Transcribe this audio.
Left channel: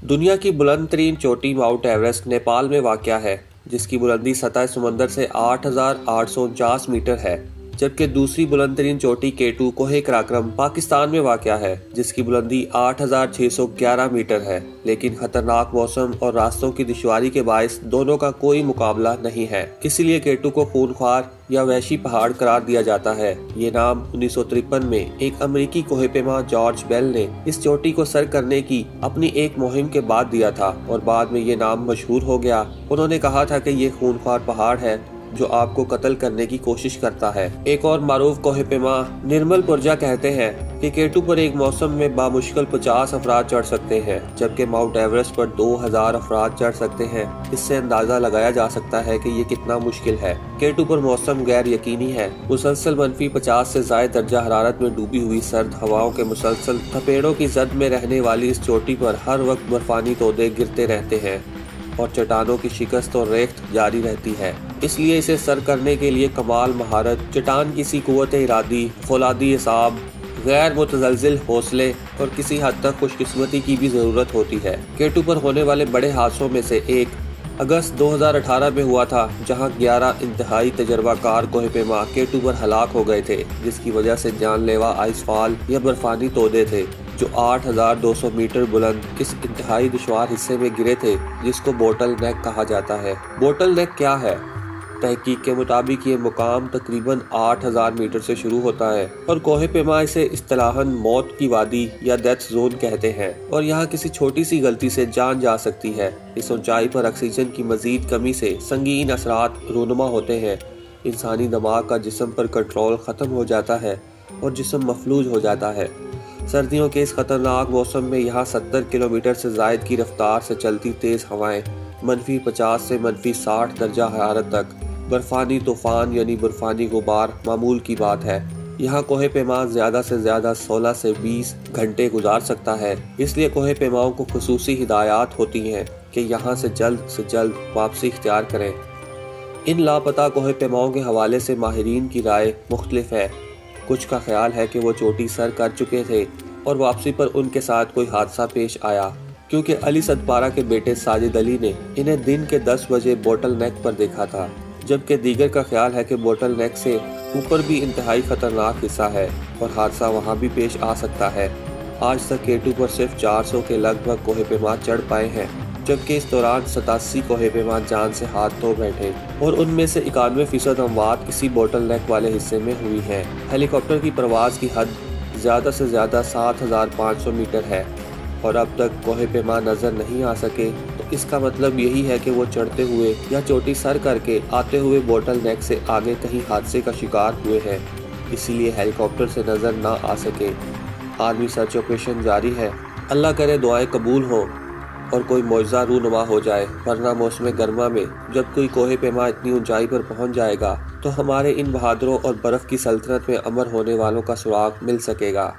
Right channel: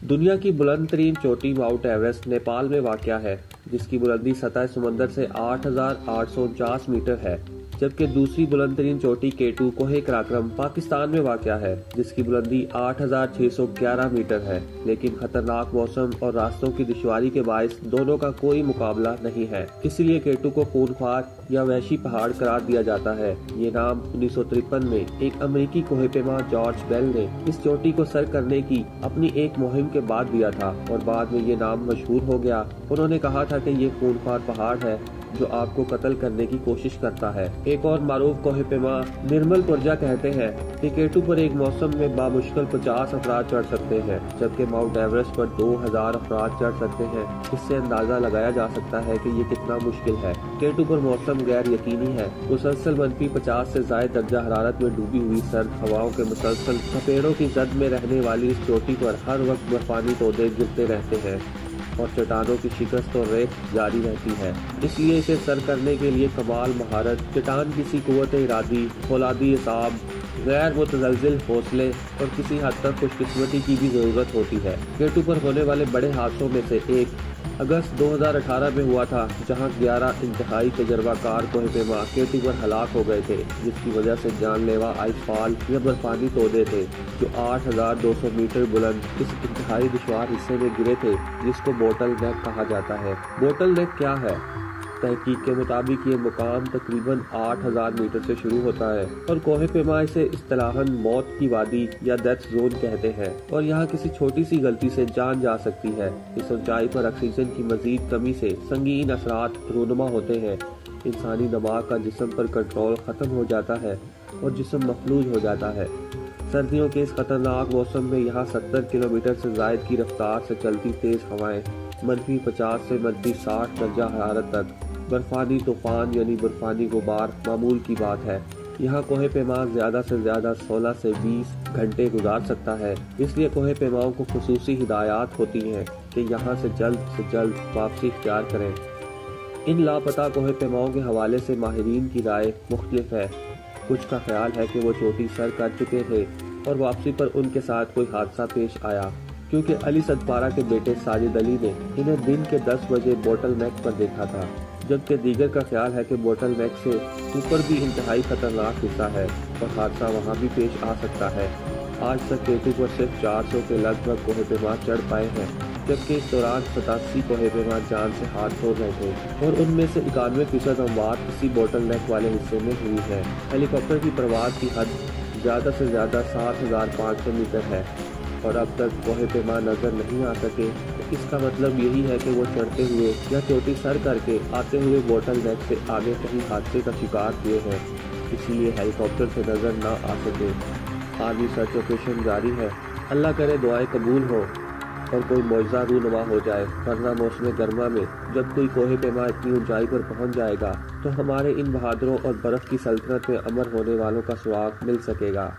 دنیا کی بلند ترین چوٹی ماؤنٹ ایورسٹ نیپال میں واقع ہے، جس کی بلندی سطح سمندر سے 8,849 میٹر ہے، جبکہ دوسری بلند ترین چوٹی K2 کوہ قراقرم پاکستان میں واقع ہے، جس کی بلندی 8,611 میٹر ہے، لیکن خطرناک موسم اور راستوں کی دشواری کے باعث دونوں کا کوئی مقابلہ نہیں ہے۔ اسی لیے K2 کو خونخوار یا وحشی پہاڑ قرار دیا جاتا ہے۔ یہ نام 1953 میں ایک امریکی کوہ پیما جارج بیل نے اس چوٹی کو سر کرنے کی اپنی ایک مہم کے بعد دیا تھا اور بعد میں یہ نام مشہور ہو گیا۔ انہوں نے کہا تھا کہ یہ خونخوار پہاڑ ہے جو آپ کو قتل کرنے کی کوشش کرتا ہے۔ ایک اور معروف کوہ پیما نرمل پرجا کہتے ہیں کہ K2 پر ایک موسم میں بامشکل 50 افراد چڑھ سکتے ہیں، جبکہ ماؤنٹ ایورسٹ پر 2000 افراد چڑھ سکتے ہیں۔ اس سے اندازہ لگایا جا سکتا ہے کہ یہ کتنا مشکل ہے۔ K2 پر موسم غیر یقینی ہے۔ مسلسل -50 سے زائد درجہ حرارت میں ڈوبی ہوئی سرد ہواؤں کے مسلسل تھپیڑوں کی زد میں رہنے والی اس چوٹی پر ہر وقت برفانی تودے گرتے رہتے ہیں اور چٹانوں کی شکست اور ریخت جاری رہتی ہے۔ اس لیے اسے سر کرنے کے لیے کمال مہارت، چٹان کی سی قوت ارادی، فولادی اعصاب، غیر متزلزل حوصلے اور کسی حد تک خوش قسمتی کی بھی ضرورت ہوتی ہے۔ K2 پر ہونے والے بڑے حادثوں میں سے ایک اگست 2018 میں ہوا تھا، جہاں 11 انتہائی تجربہ کار کوہ پیما K2 پر ہلاک ہو گئے تھے، جس کی وجہ سے جان لیوا آئس فال یا برفانی تودے تھے جو 8,200 میٹر بلند اس انتہائی دشوار حصے میں گرے تھے، جس کو بوٹل نیک کہا جاتا ہے۔ بوٹل نیک کیا ہے؟ تحقیق کے مطابق یہ مقام تقریباً 8,000 میٹر سے شروع ہوتا ہے اور کوہ پیما اسے اصطلاحاً موت کی وادی یا ڈیتھ زون کہتے ہیں، اور یہاں کسی چھوٹی سی غلطی سے جان جا سکتی ہے۔ اس اونچائی پر آکسیجن کی مزید کمی سے سنگین اثرات رونما ہوتے ہیں۔ انسانی دماغ کا جسم پر کنٹرول ختم ہو جاتا ہے اور جسم مفلوج ہو جاتا ہے۔ سردیوں کے اس خطرناک موسم میں یہاں 70 کلومیٹر سے زائد کی رفتار سے چلتی تیز ہوائیں، -50 سے -60 درجہ حرارت تک، برفانی طوفان یعنی برفانی غبار معمول کی بات ہے۔ یہاں کوہ پیما زیادہ سے زیادہ 16 سے 20 گھنٹے گزار سکتا ہے، اس لیے کوہ پیماؤں کو خصوصی ہدایات ہوتی ہیں کہ یہاں سے جلد واپسی اختیار کریں۔ ان لاپتہ کوہ پیماؤں کے حوالے سے ماہرین کی رائے مختلف ہے۔ کچھ کا خیال ہے کہ وہ چوٹی سر کر چکے تھے اور واپسی پر ان کے ساتھ کوئی حادثہ پیش آیا، کیونکہ علی صدپارہ کے بیٹے ساجد علی نے انہیں دن کے 10 بجے بوٹل نیک پر دیکھا تھا، جبکہ دیگر کا خیال ہے کہ بوٹل نیک سے اوپر بھی انتہائی خطرناک حصہ ہے اور حادثہ وہاں بھی پیش آ سکتا ہے۔ آج تک K2 پر صرف 400 کے لگ بھگ کوہ پیما چڑھ پائے ہیں، جبکہ اس دوران 87 کوہ پیما جان سے ہاتھ دھو بیٹھے اور ان میں سے 91% اموات اسی بوٹل نیک والے حصے میں ہوئی ہیں۔ ہیلی کاپٹر کی پرواز کی حد زیادہ سے زیادہ 7,500 میٹر ہے اور اب تک کوہ پیما نظر نہیں آ سکے، تو اس کا مطلب یہی ہے کہ وہ چڑھتے ہوئے یا چوٹی سر کر کے آتے ہوئے بوٹل نیک سے آگے کہیں حادثے کا شکار ہوئے ہیں، اسی لیے ہیلی کاپٹر سے نظر نہ آ سکے۔ عالمی سرچ آپریشن جاری ہے۔ اللہ کرے دعائیں قبول ہوں اور کوئی معجزہ رونما ہو جائے، ورنہ موسم گرما میں جب کوئی کوہ پیما اتنی اونچائی پر پہنچ جائے گا تو ہمارے ان بہادروں اور برف کی سلطنت میں امر ہونے والوں کا سراغ مل سکے گا۔